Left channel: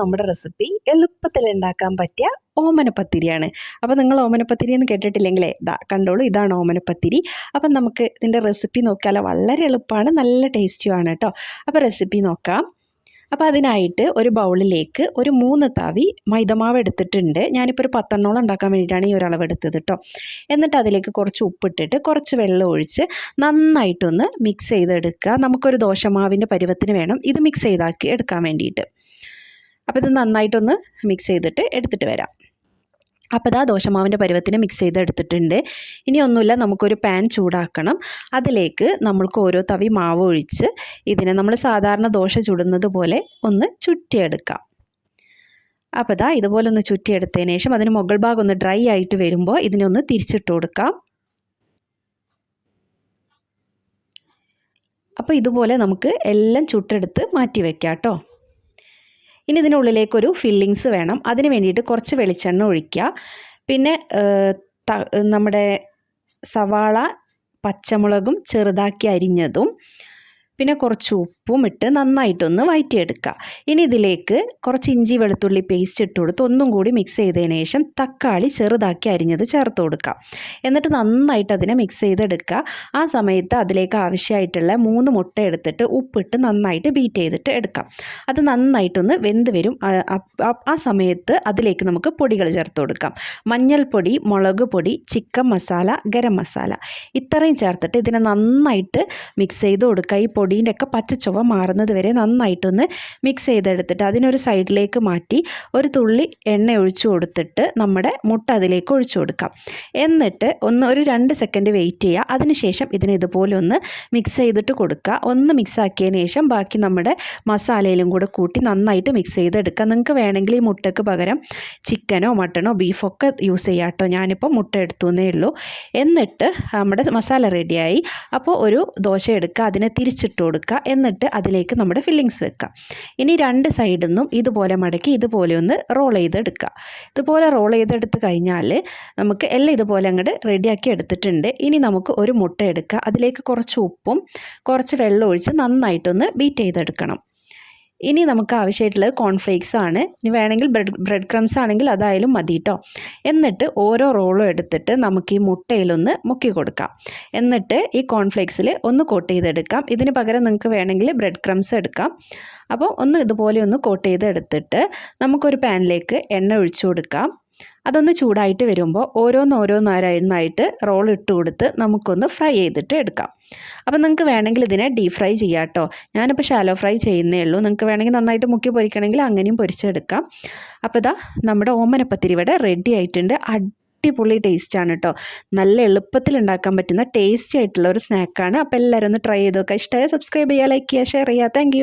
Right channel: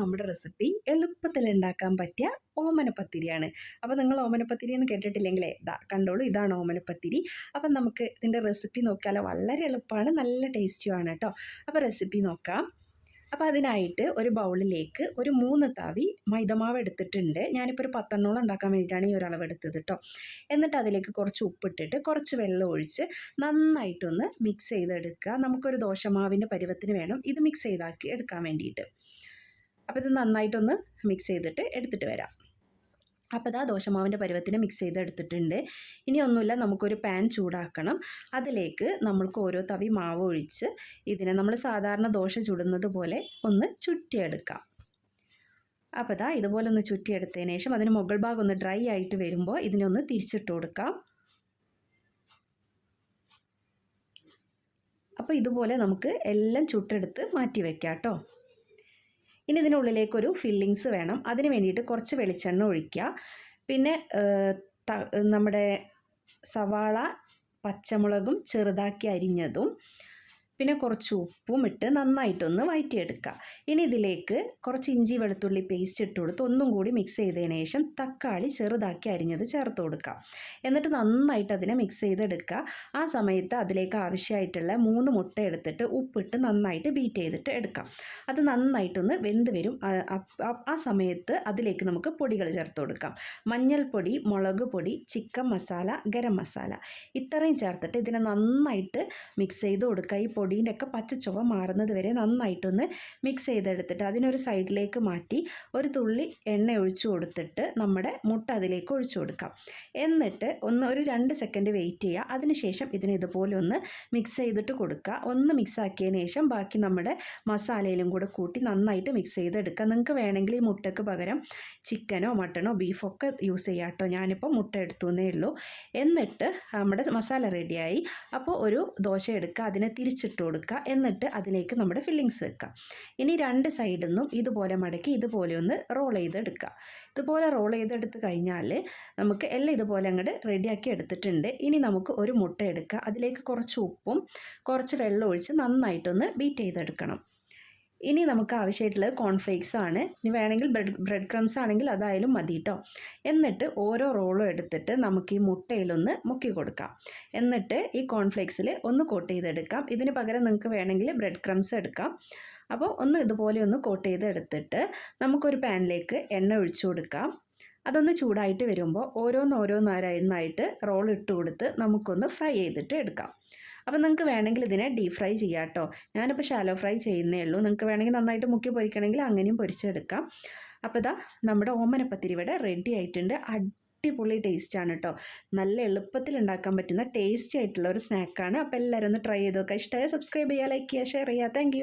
നമ്മുടെ റെസിപ്പി എളുപ്പത്തിൽ ഉണ്ടാക്കാൻ പറ്റിയ ഓമനപ്പത്തിരിയാണ്. അപ്പോൾ നിങ്ങൾ ഓമനപ്പത്തിരി എന്ന് കേട്ടിട്ടില്ലെങ്കിലേ കണ്ടോളൂ, ഇതാണ് ഓമനപ്പത്തിരി. അപ്പം നമുക്ക് ഇതിൻ്റെ റെസിപ്പി നോക്കിയാലോ? വളരെ എളുപ്പമാണ്, നല്ല ടേസ്റ്റിയുമാണ് കേട്ടോ. അപ്പോൾ റെസിപ്പി നോക്കാം. അപ്പോൾ അതിനായിട്ട് ഒരു ബൗളിലേക്ക് ഒരു 3 തവി മൈദമാവ് എടുത്തിട്ടുണ്ട്. ഞാനിപ്പോൾ ഒരു 10 ഉണ്ടാക്കാൻ വേണ്ടിയിട്ടാണ് ഈ ഒരു അളവ് എടുത്തത് കേട്ടോ. എന്നിട്ട് അതിലേക്ക് കുറച്ച് ഉപ്പിട്ടിട്ട് കുറച്ച് വെള്ളം ഒഴിച്ച് നന്നായിട്ടൊന്ന് മിക്സ് ചെയ്തെടുക്കുക. നമുക്കൊരു ദോശമാവിൻ്റെ പരുവത്തിന് വേണം ഇത് മിക്സ് ചെയ്താക്കി എടുക്കാൻ വേണ്ടിയിട്ട്. അപ്പോൾ ഇത് നന്നായിട്ടൊന്ന് മിക്സ് ചെയ്തിട്ട് എടുത്തിട്ട് വരാം. അപ്പോൾ ഇതാ ദോശമാവിൻ്റെ പരുവത്തിന് മിക്സ് ചെയ്തെടുത്തിട്ടുണ്ട്. ഇനി ഒന്നുമില്ല, നമുക്കൊരു പാൻ ചൂടാക്കണം. അതിലേക്ക് നമ്മൾക്ക് ഓരോ തവി മാവ് ഒഴിച്ച് ഇതിനെ നമ്മൾ സാധാരണ ദോശ ചുടുന്നത് പോലെ ഒന്ന് ചുറ്റിയെടുക്കാം. അപ്പോൾ ഇതാ ഇതുപോലെ ഒന്ന് ചുറ്റിയെടുത്തതിന് ശേഷം അതിന് മുകൾ ഭാഗം ഒന്ന് ഡ്രൈ ആയിട്ട് വരുമ്പോൾ ഇതിനെ ഒന്ന് തിരിച്ചിട്ട് കൊടുക്കാം. അപ്പോൾ ഇതുപോലെ നമുക്ക് എല്ലാം ചുട്ടെടുത്ത് മാറ്റി വയ്ക്കാം കേട്ടോ. ഇനി ഇതിനുള്ളിലേക്കൊരു ഫില്ലിങ്സ് വേണം. അതിന് വേണ്ടിയിട്ട് കുറച്ച് വെളിച്ചെണ്ണ ഒഴിക്കുക. പിന്നെ നമ്മുടെ സവാള, പച്ചമുളകും ചെറുതാക്കി അരിഞ്ഞതും പിന്നെ കുറച്ച് ഉപ്പും ഇട്ട് നന്നായിട്ടൊന്ന് വഴറ്റിയെടുക്കുക. ഇനി ഇതിലേക്ക് കുറച്ച് ഇഞ്ചി വെളുത്തുള്ളി പേസ്റ്റ് ഇട്ട് കൊടുത്ത് ഒന്നും കൂടി മിക്സ് ചെയ്തതിന് ശേഷം തക്കാളി ചെറുതാക്കി അരിഞ്ഞത് ചേർത്ത് കൊടുക്കുക. എന്നിട്ട് നന്നായിട്ട് അതിനെ മിക്സ് ചെയ്തെടുക്കുക. ആ സമയത്ത് അതിലേക്ക് ആവശ്യമായിട്ടുള്ള 3 മുട്ട എടുത്തിട്ട് ഉപ്പിട്ട് നന്നായിട്ട് ബീറ്റ് ചെയ്തിട്ട് എടുക്കാം. അത് നന്നായിട്ടൊന്ന് വെന്ത് വരും. ആ സമയത്ത് അതിലേക്ക് നമുക്ക് പൊടികൾ ചേർത്ത് കൊടുക്കാം. മഞ്ഞൾപ്പൊടി, മുളക് പൊടി, ചിക്കൻ മസാല, ഗരം മസാല ഇത്രയും ചേർത്തിട്ട് ഇതിനെ നന്നായിട്ട് മിക്സ് ചെയ്ത് കൊടുക്കുക. ഈ പൊടീൻ്റെ ഒക്കെ പച്ചച്ചുവ മാറുന്നത് വരെ നന്നായിട്ടൊന്ന് മിക്സ് ചെയ്തെടുത്തിട്ട് അതിനൊരു സൈഡിലേക്ക് മാറ്റി ഒരു തുള്ളി എണ്ണ ഒഴിച്ചു കൊടുത്തിട്ട് നമ്മുടെ മുട്ട അതിലേക്ക് ഒഴിച്ചു കൊടുക്കാം. എന്നിട്ട് ഒരു 2 സെക്കൻഡ് വെയിറ്റ് ചെയ്യുക. അതിനുശേഷം ഇതിനെ ഇതുപോലെ ഒന്ന് മിക്സ് ചെയ്തിട്ട് കൊടുക്കുക. ഒന്ന് മിക്സ് ആക്കിയതിന് ശേഷം ബാക്കി നമ്മുടെ മസാലയിലും കൂടെ കൂട്ടി നന്നായിട്ട് മിക്സ് ചെയ്തെടുക്കുക. നിങ്ങൾക്ക് വേണമെങ്കിൽ ഈ മുട്ടയ്ക്ക് പകരം ചിക്കനോ മട്ടണോ ബീഫോ ഒക്കെ യൂസ് ചെയ്യാം കേട്ടോ. ഞാനിപ്പോൾ മുട്ട എടുത്തുവെന്നേ ഉള്ളൂ. എന്നിട്ട് നമ്മുടെ മസാല റെഡിയായി. അപ്പോൾ ഒരു ദോശ എടുക്കുക, അതിനെ തിരിച്ചിട്ട് കൊടുക്കുക. എന്നിട്ട് അതിലേക്ക് നമ്മുടെ ഫില്ലിങ്സ് വെക്കുക. ഇനി 2 സൈഡിൽ നിന്നും ഇതുപോലെ മടക്കി ഇതുപോലെ ഒന്ന് റോൾ ചെയ്തെടുക്കുക. ഇതുപോലെ റോൾ ചെയ്തെടുത്ത് കഴിഞ്ഞാൽ നമുക്ക് എല്ലാം ഇതുപോലെ അങ്ങോട്ട് റെഡിയാക്കി എടുത്തിട്ടുണ്ട്. ഇനി നമുക്ക് ഒരു മുട്ട എടുക്കുക. അതിലേക്ക് കുറച്ച് ഉപ്പും കുറച്ച് വെള്ളം ഒഴിച്ച് നന്നായിട്ടൊന്ന് ബീറ്റ് ചെയ്തെടുക്കണം. ഇനി നമുക്ക് ആവശ്യമായിട്ടുള്ളത് കോൺഫ്ലേക്സ് ആണ്. ഇനി വേണമെങ്കിൽ ബ്രെഡ് ക്രംസ് ആണെങ്കിൽ അതായാലും മതി കേട്ടോ. എന്നിട്ട് ഓരോ റോളും എടുത്തിട്ട് നമുക്ക് ഈ മുട്ടയിലൊന്ന് മുക്കി കൊടുക്കാം. എന്നിട്ട് ഈ കോൺഫ്ലേക്സിൽ ഒന്ന് കോട്ട് ചെയ്തെടുക്കാം. ഇതിന് പകരം നിങ്ങൾക്ക് വേണമെങ്കിൽ ബ്രെഡ് ക്രംസ് എടുക്കാം. അപ്പോൾ ഒന്ന് ഇതുപോലെ ഒന്ന് കോട്ട് ചെയ്തെടുത്തിട്ട് നമുക്കൊരു പാനിലേക്ക് എണ്ണ ഒഴിച്ചു കൊടുക്കാം. അതൊന്ന് ചൂടായിട്ട് വരുമ്പോൾ ഓരോന്നോരോന്നായിട്ട് റോൾ ഇട്ട് കൊടുത്ത് നമുക്കൊന്ന് ഫ്രൈ ചെയ്തിട്ട് എടുക്കാം. അപ്പോൾ നിങ്ങൾക്ക് വേണമെങ്കിൽ ഇതിനെ ഡീപ് ഫ്രൈ ചെയ്യാം കേട്ടോ. ഞാനിപ്പോൾ ഷാലോ ഫ്രൈ ചെയ്യുന്നേ ഉള്ളൂ. നിങ്ങൾക്ക് വേണമെങ്കിൽ നന്നായിട്ട് മുക്കി പൊരിക്കണമെങ്കിൽ അങ്ങനെയും പൊരിച്ചെടുക്കാം. അപ്പോൾ ഇതാ നമ്മുടെ ഓമനപ്പത്തിരി ഇവിടെ റെഡി ആയിട്ടുണ്ട്. അടിപൊളി ടേസ്റ്റാണ് കേട്ടോ. നല്ല എളുപ്പത്തിൽ ഉണ്ടാക്കാൻ പറ്റുന്ന ടേസ്റ്റി ആയിട്ടുള്ള ഒരു സ്നാക്കാണ്. അപ്പോൾ എല്ലാവരും ഒന്ന് ട്രൈ ചെയ്ത് നോക്കുക. ഇഷ്ടമായ സബ്സ്ക്രൈബ് ചെയ്യുക, ലൈക്ക് ചെയ്യുക, ഷെയർ ചെയ്യുക. താങ്ക്